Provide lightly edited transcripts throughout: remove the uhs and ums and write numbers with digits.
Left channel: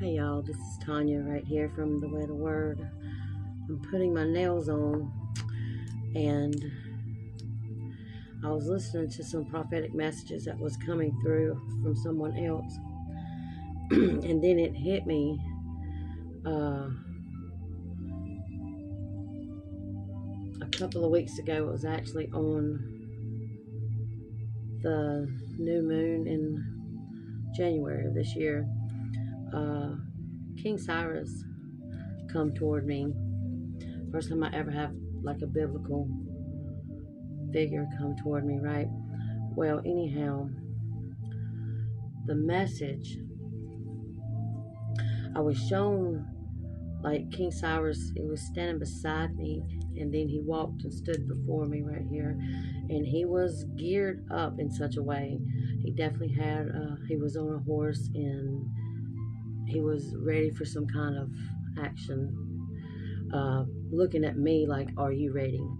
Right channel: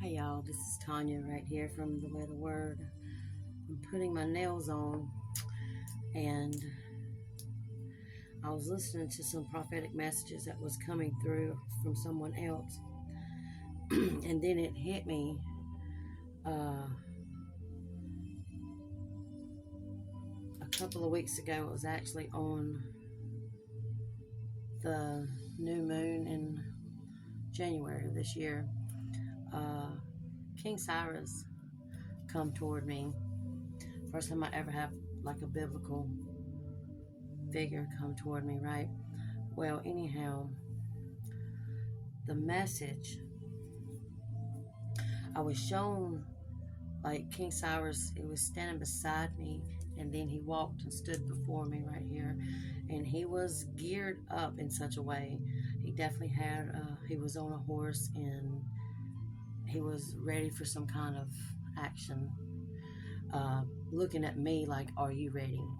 Hey y'all, this is Tanya right here from The Way the Word. I'm putting my nails on and I was listening to some prophetic messages that was coming through from someone else. And then it hit me a couple of weeks ago. It was actually on the new moon in January of this year. King Cyrus come toward me. First time I ever have like a biblical figure come toward me, right? Well, anyhow, the message, I was shown like King Cyrus, he was standing beside me, and then he walked and stood before me right here, and he was geared up in such a way. He definitely had, he was on a horse, and he was ready for some kind of action, looking at me like, are you ready?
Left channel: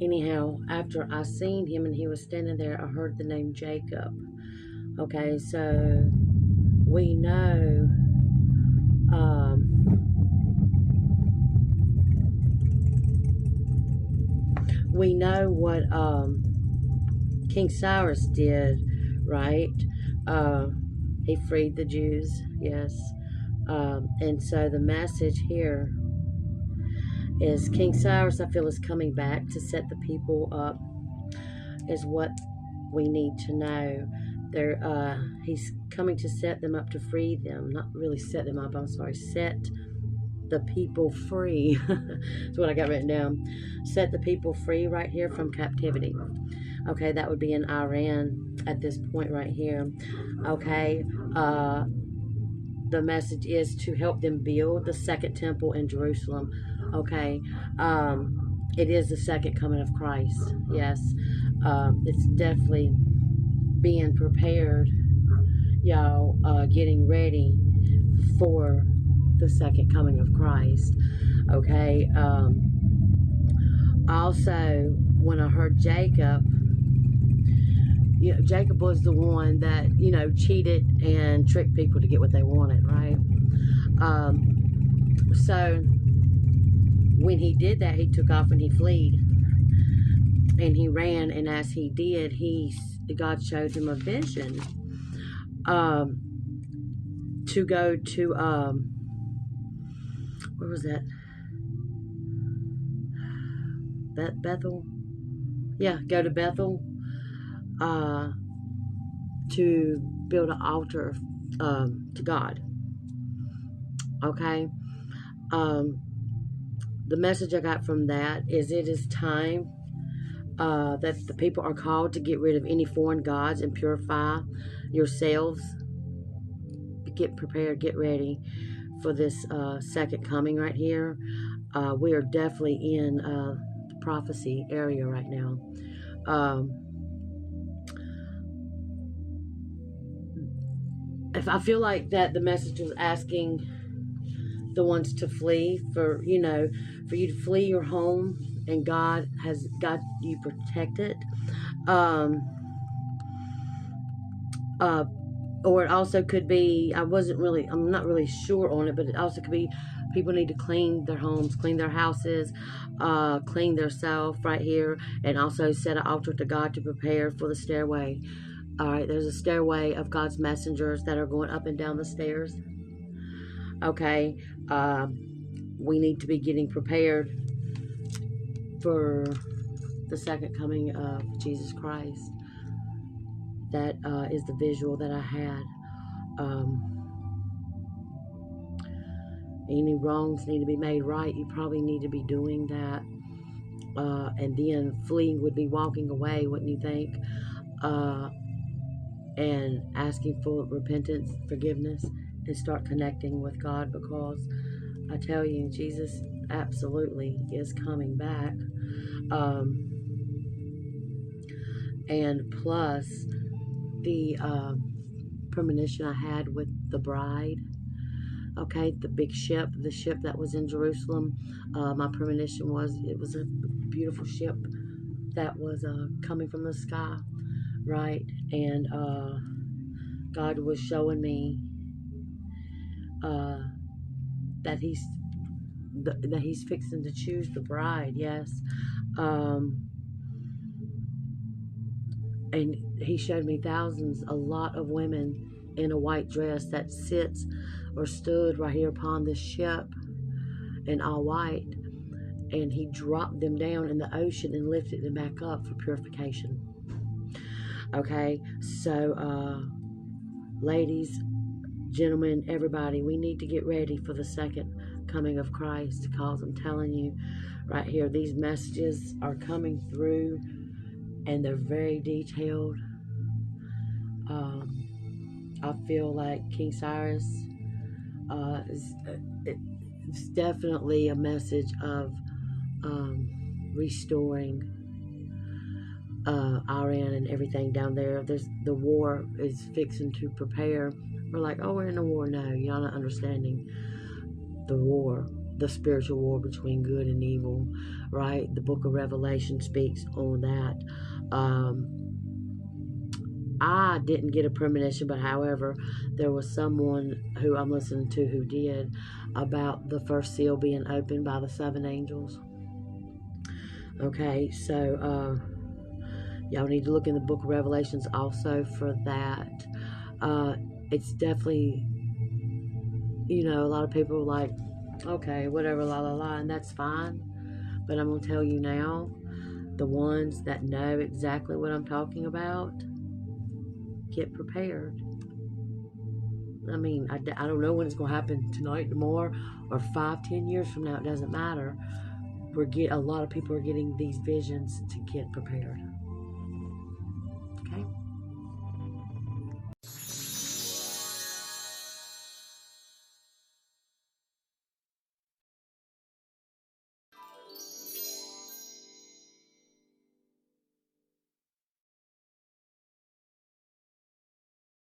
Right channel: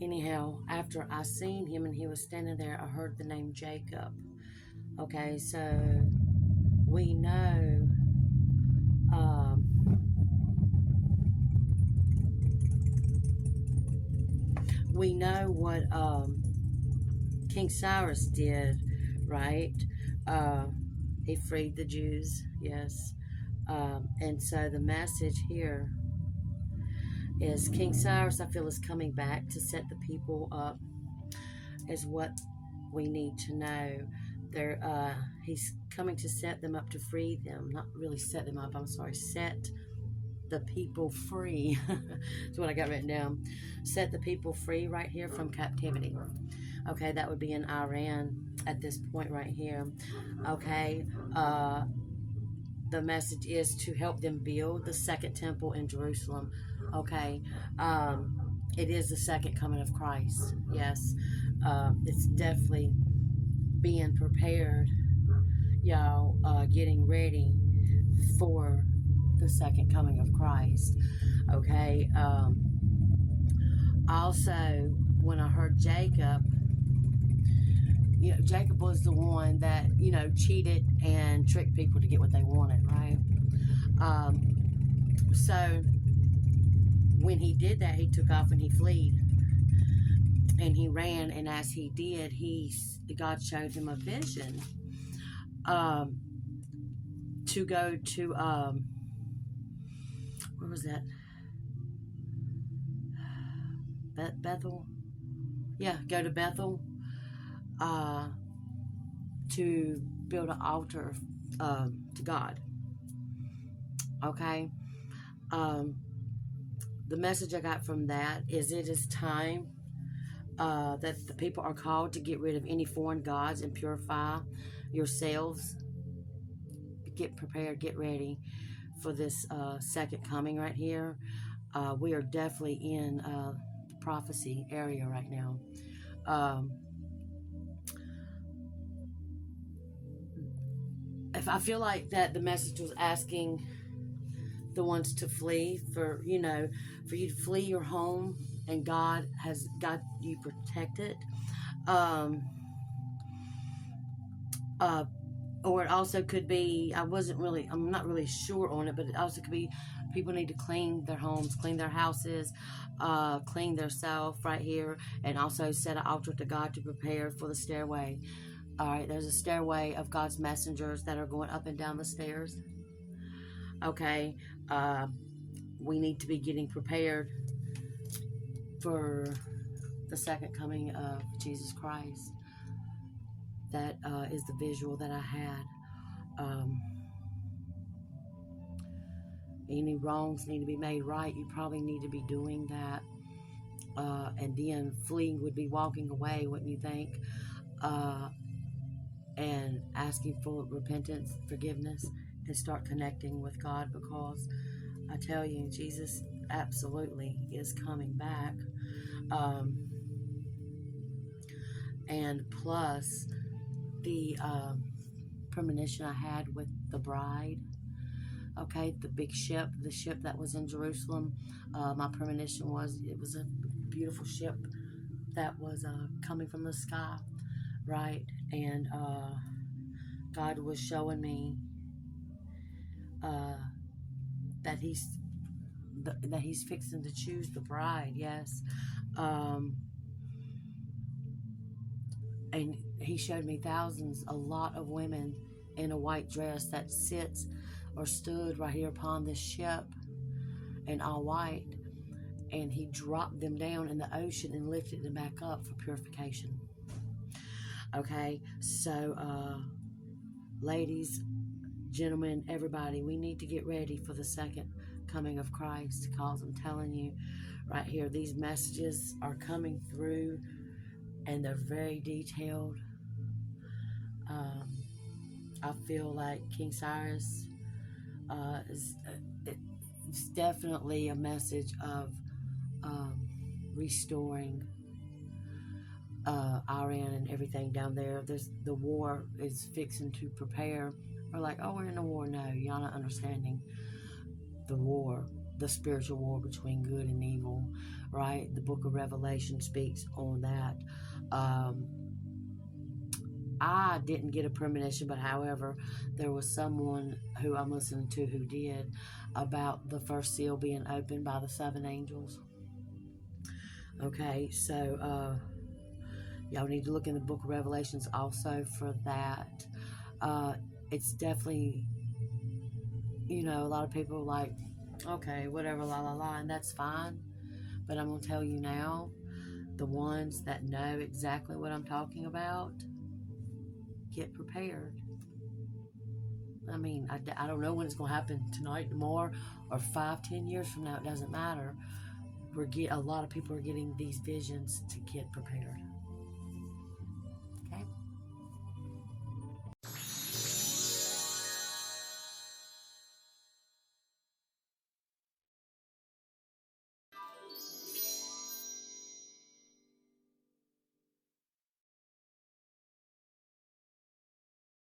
Anyhow, after I seen him and he was standing there, I heard the name Jacob. Okay, so we know what King Cyrus did, right? He freed the Jews, yes. And so the message here is King Cyrus, I feel, is coming back to set the people up, is what we need to know. He's coming to set them up, to free them. Not really set them up, I'm sorry, set the people free. That's what I got written down. Set the people free right here from captivity. Okay, that would be in Iran at this point right here. Okay, the message is to help them build the second temple in Jerusalem. Okay, it is the second coming of Christ. Yes, it's definitely being prepared, y'all, getting ready for the second coming of Christ. Okay, also, when I heard Jacob, Jacob was the one that, cheated and tricked people to get what they wanted, right? So when he did that, he took off and he fled. And he ran, and as he did, God showed him a vision to go to, where was that? Bethel? Yeah, go to Bethel to build an altar to God. Okay? The message I got from that is it is time that the people are called to get rid of any foreign gods and purify yourselves. Get prepared, get ready for this second coming right here. We are definitely in the prophecy area right now. If I feel like that the message was asking the ones to flee, for you to flee your home, and God has got you protected. Or it also could be, I'm not really sure on it, but it also could be people need to clean their homes, clean their houses, clean their self right here, and also set an altar to God to prepare for the stairway. All right, there's a stairway of God's messengers that are going up and down the stairs. Okay, we need to be getting prepared for the second coming of Jesus Christ. That is the visual that I had. Any wrongs need to be made right. You probably need to be doing that. And then fleeing would be walking away, wouldn't you think? And asking for repentance, forgiveness, and start connecting with God, because I tell you, Jesus absolutely is coming back. And plus, the premonition I had with the bride, okay, the big ship, the ship that was in Jerusalem, my premonition was, it was a beautiful ship that was coming from the sky, right? And God was showing me that He's fixing to choose the bride. Yes, and He showed me thousands, a lot of women in a white dress that sits or stood right here upon this ship in all white, and He dropped them down in the ocean and lifted them back up for purification. Okay, so ladies, gentlemen, everybody, we need to get ready for the second coming of Christ, because I'm telling you right here, these messages are coming through and they're very detailed. I feel like King Cyrus it's definitely a message of restoring Iran and everything down there. The war is fixing to prepare. We're like, oh, we're in a war. No, y'all not understanding the war, the spiritual war between good and evil, right? The book of Revelation speaks on that. I didn't get a premonition, but however, there was someone who I'm listening to who did, about the first seal being opened by the 7 angels. Okay, so y'all need to look in the book of Revelations also for that. It's definitely, a lot of people are like, okay, whatever, la la la, and that's fine. But I'm going to tell you now, the ones that know exactly what I'm talking about, get prepared. I mean, I don't know when it's going to happen, tonight, tomorrow, or 5-10 years from now. It doesn't matter. A lot of people are getting these visions to get prepared.